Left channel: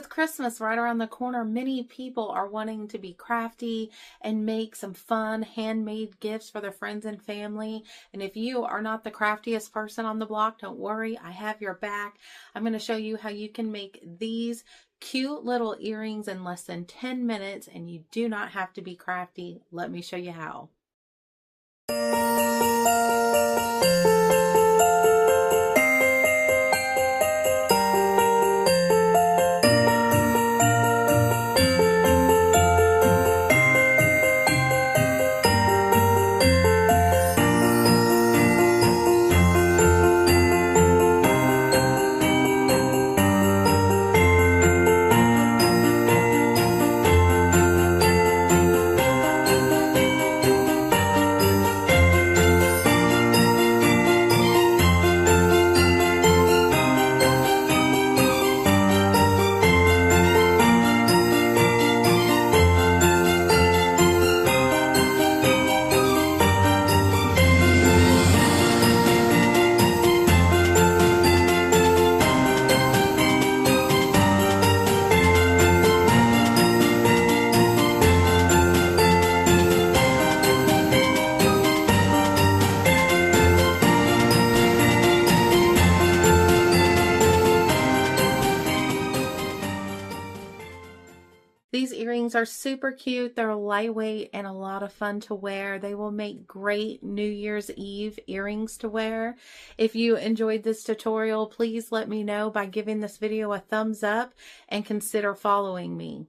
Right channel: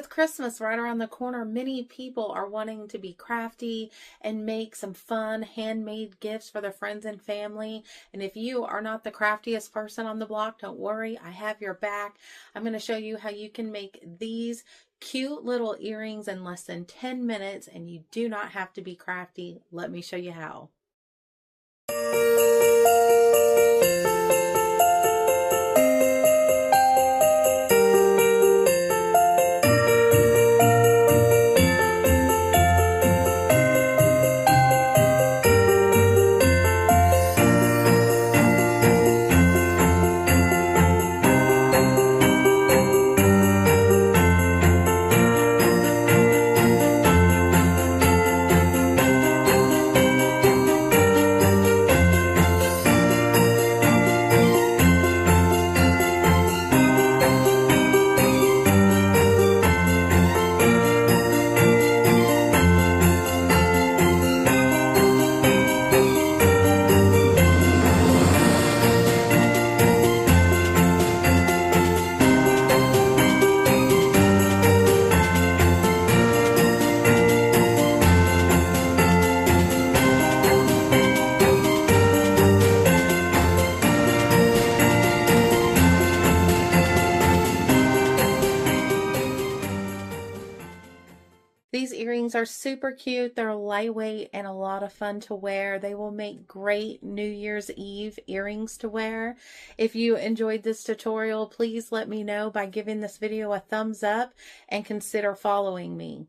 With Christmas right around the corner, many people are wanting to be crafty and make some fun handmade gifts for their friends and family. And if you are not the craftiest person on the block, don't worry, I have your back. I'm going to show you how you can make these cute little earrings in less than 10 minutes, and you do not have to be crafty. Let me show you how. These earrings are super cute. They're lightweight and a lot of fun to wear. They will make great New Year's Eve earrings to wear. If you enjoyed this tutorial, please let me know by giving this video a thumbs up and consider following me.